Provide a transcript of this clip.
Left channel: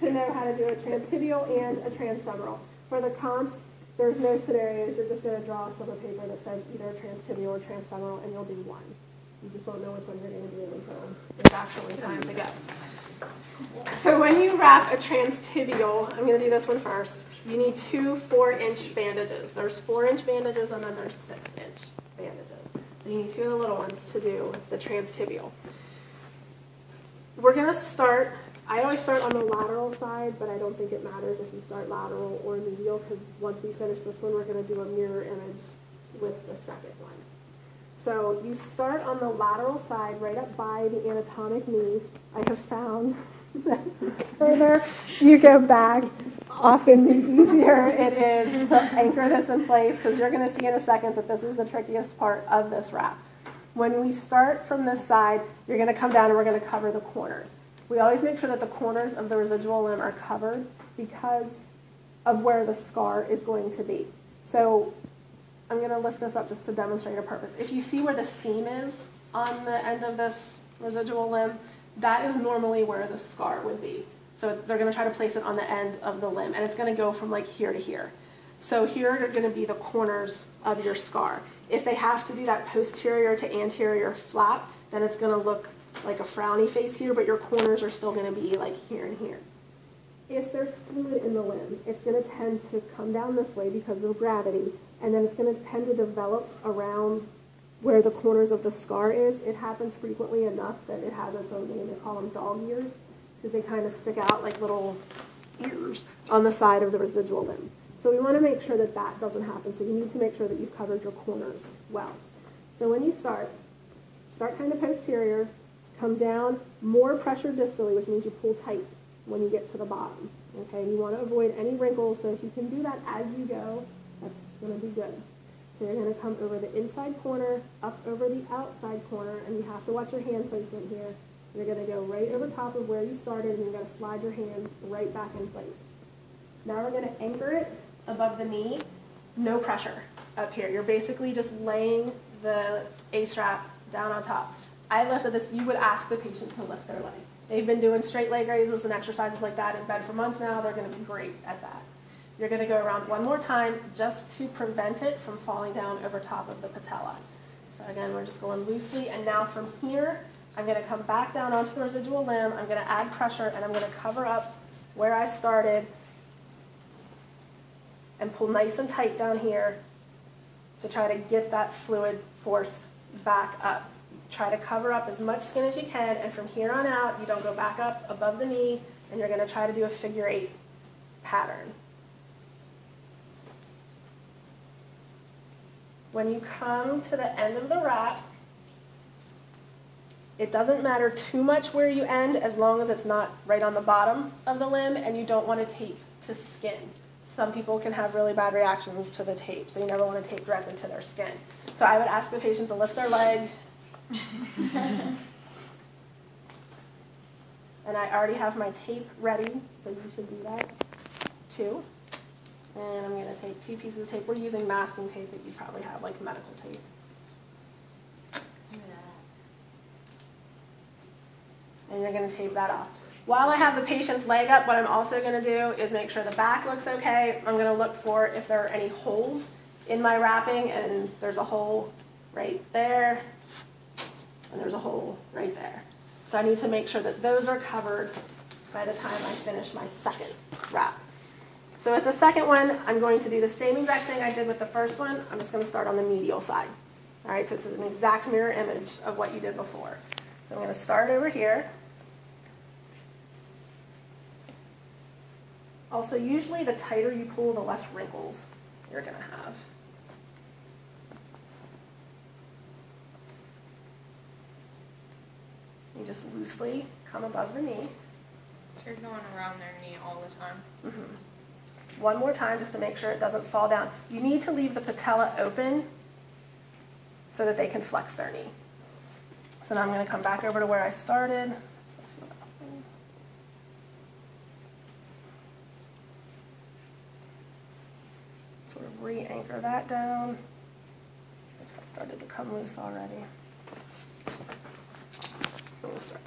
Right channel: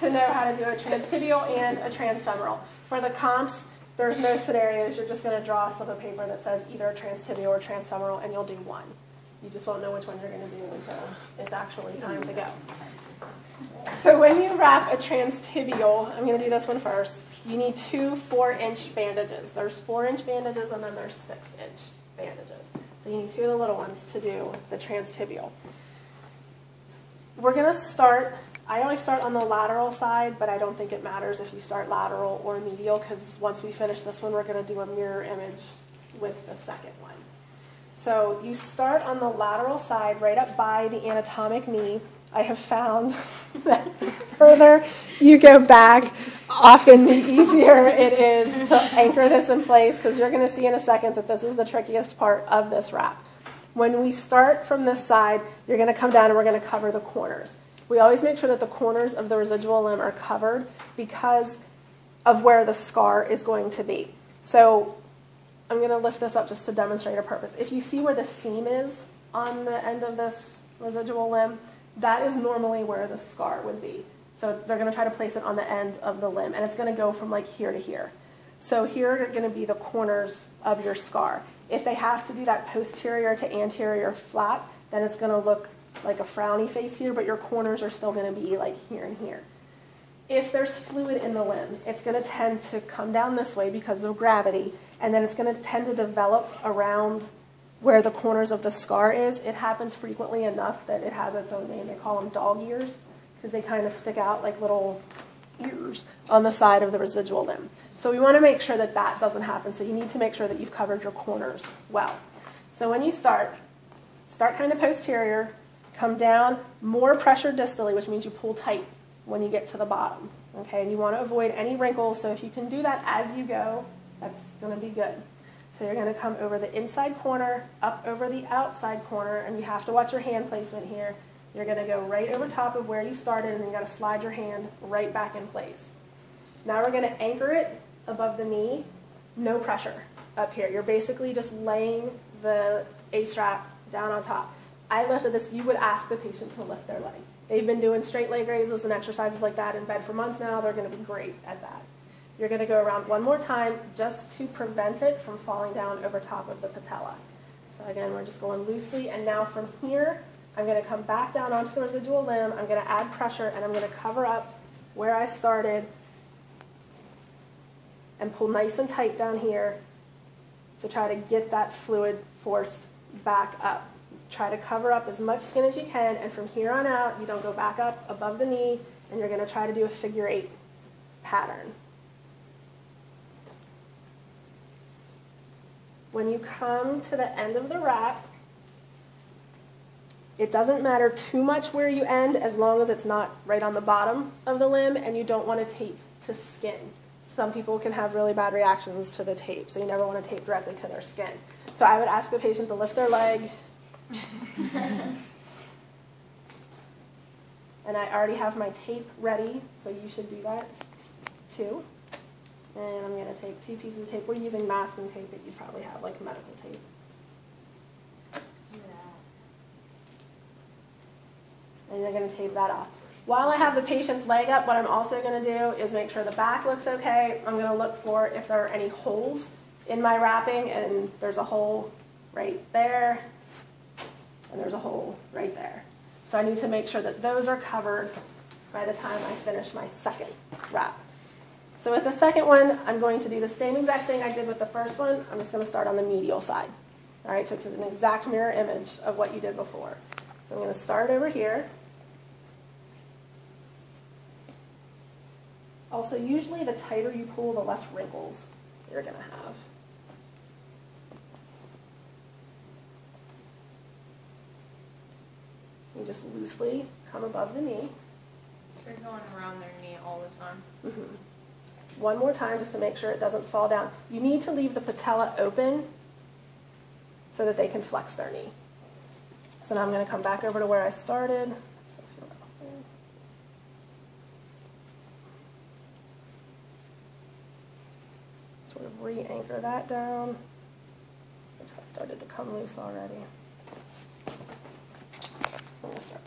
to know how to do a transtibial and a transfemoral. For the comps, there's no scenarios. You're just going to draw a slip of paper that says either transtibial or transfemoral, and you'll do one. You just won't know which one you're going to do until it's actually time to go. So when you wrap a transtibial, I'm going to do this one first, you need two 4-inch bandages. There's 4-inch bandages and then there's 6-inch bandages. So you need two of the little ones to do the transtibial. We're going to start, I always start on the lateral side, but I don't think it matters if you start lateral or medial, because once we finish this one, we're going to do a mirror image with the second one. So you start on the lateral side, right up by the anatomic knee. I have found that the further you go back, often the easier it is to anchor this in place, because you're going to see in a second that this is the trickiest part of this wrap. When we start from this side, you're going to come down and we're going to cover the corners. We always make sure that the corners of the residual limb are covered because of where the scar is going to be. So I'm going to lift this up just to demonstrate a purpose. If you see where the seam is on the end of this residual limb, that is normally where the scar would be. So they're going to try to place it on the end of the limb, and it's going to go from like here to here. So here are going to be the corners of your scar. If they have to do that posterior to anterior flap, then it's going to look like a frowny face here, but your corners are still going to be like here and here. If there's fluid in the limb, it's going to tend to come down this way because of gravity, and then it's going to tend to develop around where the corners of the scar is. It happens frequently enough that it has its own name. They call them dog ears because they kind of stick out like little ears on the side of the residual limb. So we want to make sure that that doesn't happen. So you need to make sure that you've covered your corners well. So when you start kind of posterior, come down, more pressure distally, which means you pull tight when you get to the bottom. Okay, and you want to avoid any wrinkles, so if you can do that as you go, that's going to be good. So you're going to come over the inside corner, up over the outside corner, and you have to watch your hand placement here. You're going to go right over top of where you started, and you're going to slide your hand right back in place. Now we're going to anchor it above the knee, no pressure up here. You're basically just laying the A-strap down on top. I lifted this. You would ask the patient to lift their leg. They've been doing straight leg raises and exercises like that in bed for months now. They're going to be great at that. You're going to go around one more time just to prevent it from falling down over top of the patella. So again, we're just going loosely. And now from here, I'm going to come back down onto the residual limb. I'm going to add pressure, and I'm going to cover up where I started and pull nice and tight down here to try to get that fluid forced back up. Try to cover up as much skin as you can, and from here on out, you don't go back up above the knee, and you're going to try to do a figure 8 pattern. When you come to the end of the wrap, it doesn't matter too much where you end as long as it's not right on the bottom of the limb, and you don't want to tape to skin. Some people can have really bad reactions to the tape, so you never want to tape directly to their skin. So I would ask the patient to lift their leg. And I already have my tape ready, so you should do that too. And I'm going to take 2 pieces of tape. We're using masking tape, but you probably have like medical tape. And you're going to tape that off. While I have the patient's leg up, what I'm also going to do is make sure the back looks okay. I'm going to look for if there are any holes in my wrapping, and there's a hole right there, and there's a hole right there. So I need to make sure that those are covered by the time I finish my second wrap. So with the second one, I'm going to do the same exact thing I did with the first one. I'm just going to start on the medial side. All right, so it's an exact mirror image of what you did before. So I'm going to start over here. Also, usually the tighter you pull, the less wrinkles you're going to have. You just loosely come above the knee. So you're going around their knee all the time? Mm-hmm. One more time just to make sure it doesn't fall down. You need to leave the patella open so that they can flex their knee. So now I'm going to come back over to where I started. Sort of re-anchor that down, which had started to come loose already. We'll start